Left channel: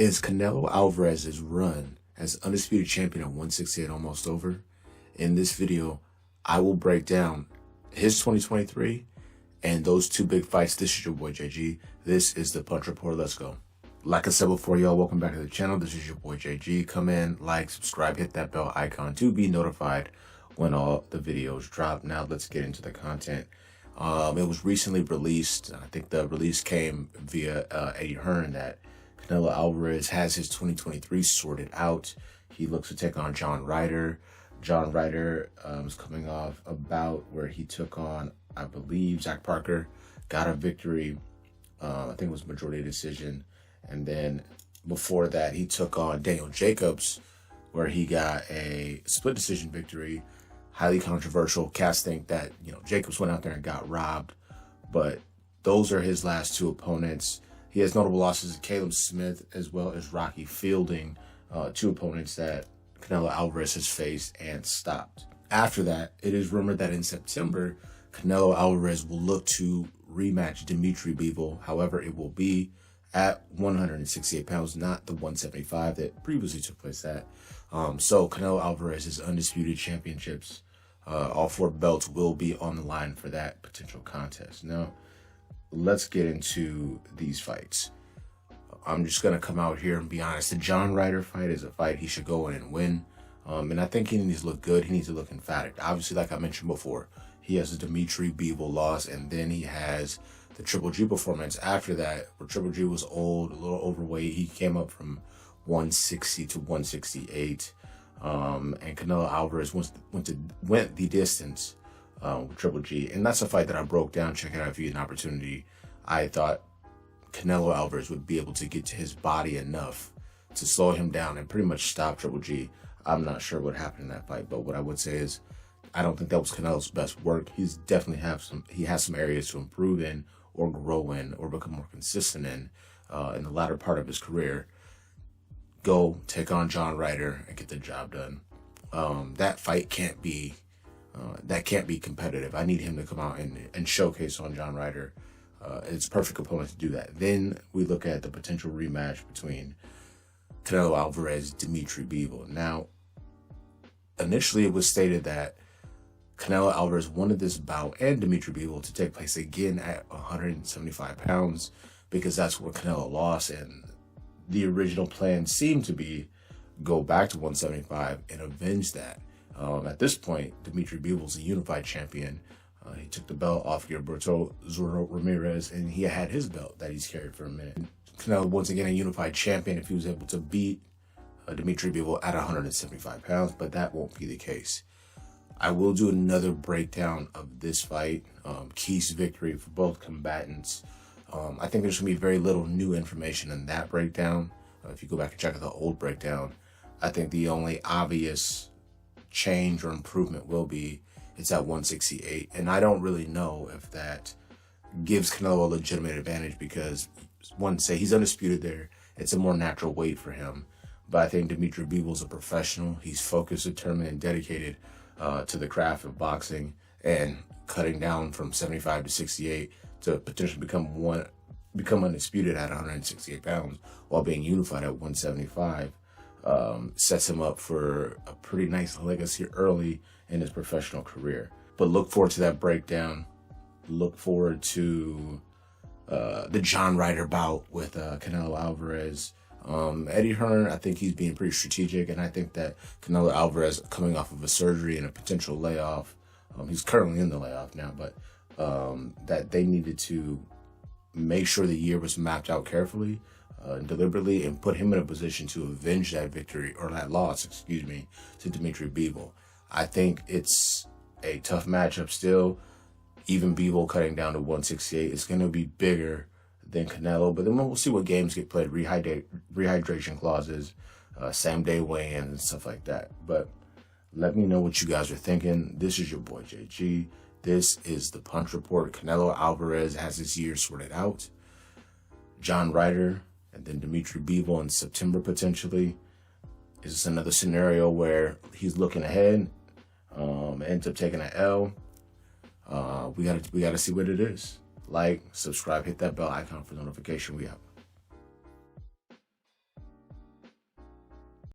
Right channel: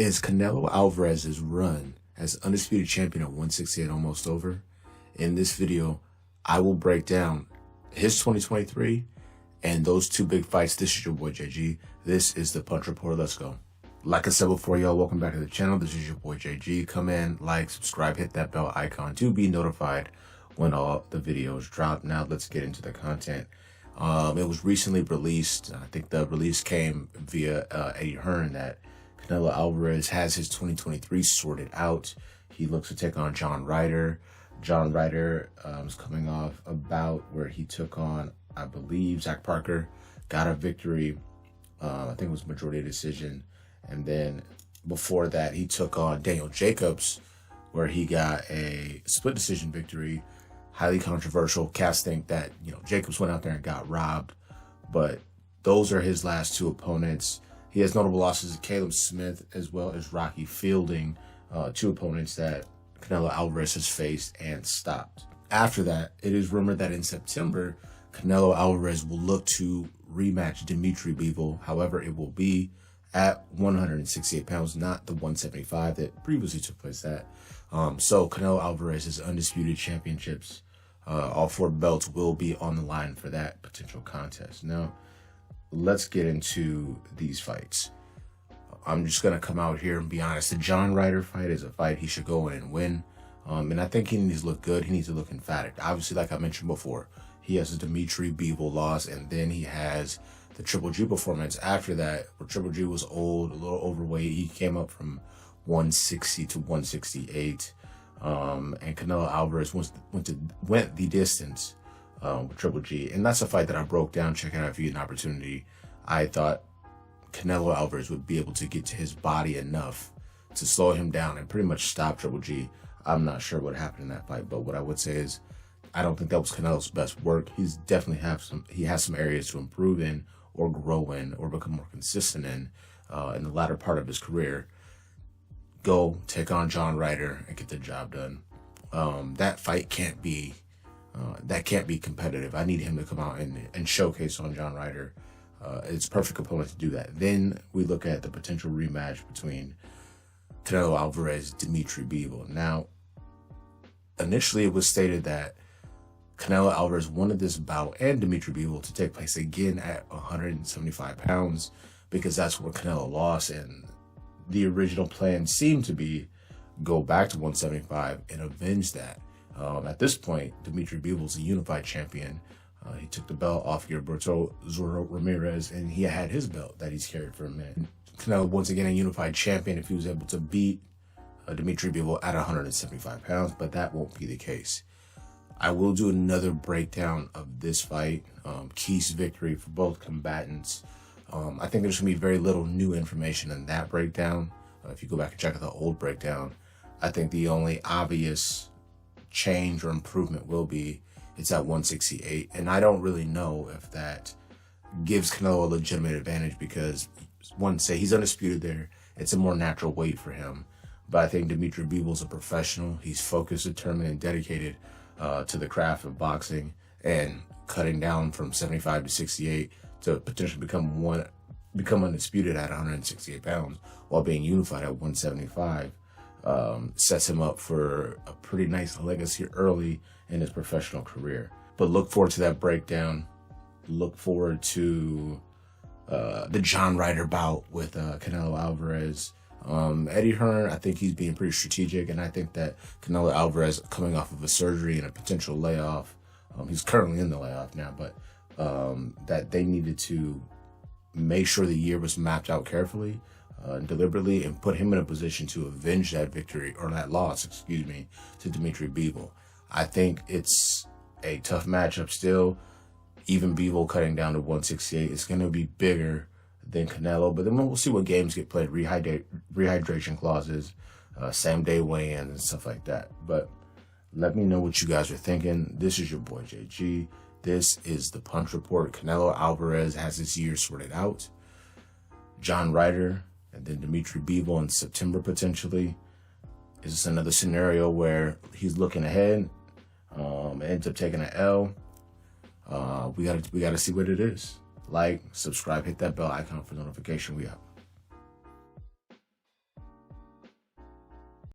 Is Canelo Alvarez's run as undisputed champion at 168 almost over? In this video, I will break down his 2023 and those two big fights. This is your boy JG. This is the Punch Report. Let's go. Like I said before, y'all, welcome back to the channel. This is your boy JG. Come in, like, subscribe, hit that bell icon to be notified when all the videos drop. Now let's get into the content. It was recently released. I think the release came via Eddie Hearn that Canelo Alvarez has his 2023 sorted out. He looks to take on John Ryder. John Ryder is coming off a bout where he took on, I believe, Zach Parker, got a victory. I think it was majority decision. And then before that, he took on Daniel Jacobs, where he got a split decision victory. Highly controversial. Cats think that, Jacobs went out there and got robbed, but those are his last two opponents. He has notable losses to Caleb Smith as well as Rocky Fielding, two opponents that Canelo Alvarez has faced and stopped. After that, it is rumored that in September, Canelo Alvarez will look to rematch Dimitri Bivol. However, it will be at 168 pounds, not the 175 that previously took place at. So Canelo Alvarez's undisputed championships, all four belts will be on the line for that potential contest. Now, let's get into these fights. I'm just going to come out here and be honest. The John Ryder fight is a fight he should go in and win. And I think he needs to look good. He needs to look emphatic. Obviously, like I mentioned before, he has a Dimitri Bivol loss, and then he has the Triple G performance after that, where Triple G was old, a little overweight. He came up from 160 to 168. And Canelo Alvarez went the distance with Triple G. And that's a fight that I broke down. Check it out if you get an opportunity. I thought Canelo Alvarez would be able to get to his body enough to slow him down and pretty much stop Triple G. I'm not sure what happened in that fight, but what I would say is I don't think that was Canelo's best work. He's definitely has some areas to improve in or grow in or become more consistent in the latter part of his career. Go take on John Ryder and get the job done. That fight can't be competitive. I need him to come out and showcase on John Ryder. It's perfect opponent to do that. Then we look at the potential rematch between Canelo Alvarez, Dimitri Bivol. Now, initially it was stated that Canelo Alvarez wanted this bout and Dimitri Bivol to take place again at 175 pounds because that's where Canelo lost, and the original plan seemed to be go back to 175 and avenge that. At this point, Dimitri Bivol's a unified champion. He took the belt off Gilberto Zorro Ramirez, and he had his belt that he's carried for a minute. Canelo, once again, a unified champion if he was able to beat Dimitri Bivol at 175 pounds, but that won't be the case. I will do another breakdown of this fight, keys victory for both combatants. I think there's going to be very little new information in that breakdown. If you go back and check out the old breakdown, I think the only obvious change or improvement will be it's at 168. And I don't really know if that gives Canelo a legitimate advantage because, one, say he's undisputed there. It's a more natural weight for him. But I think Dimitri Bivol's a professional. He's focused, determined, and dedicated to the craft of boxing, and cutting down from 75 to 68 to potentially become undisputed at 168 pounds while being unified at 175 sets him up for a pretty nice legacy early in his professional career. But look forward to that breakdown. Look forward to the John Ryder bout with Canelo Alvarez. Eddie Hearn, I think he's being pretty strategic, and I think that Canelo Alvarez, coming off of a surgery and a potential layoff, he's currently in the layoff now, but that they needed to make sure the year was mapped out carefully and deliberately and put him in a position to avenge that victory, or that loss, to Dimitri Bivol. I think it's a tough matchup still. Even Bivol cutting down to 168 is going to be bigger than Canelo, but then we'll see what games get played, rehydration clauses, same day weigh-ins and stuff like that. But let me know what you guys are thinking. This is your boy JG. This is the Punch Report. Canelo Alvarez has his year sorted out. John Ryder and then Dimitri Bivol in September potentially. Is this another scenario where he's looking ahead, ends up taking an L? We gotta see what it is. Like, subscribe, hit that bell icon for notification. We out.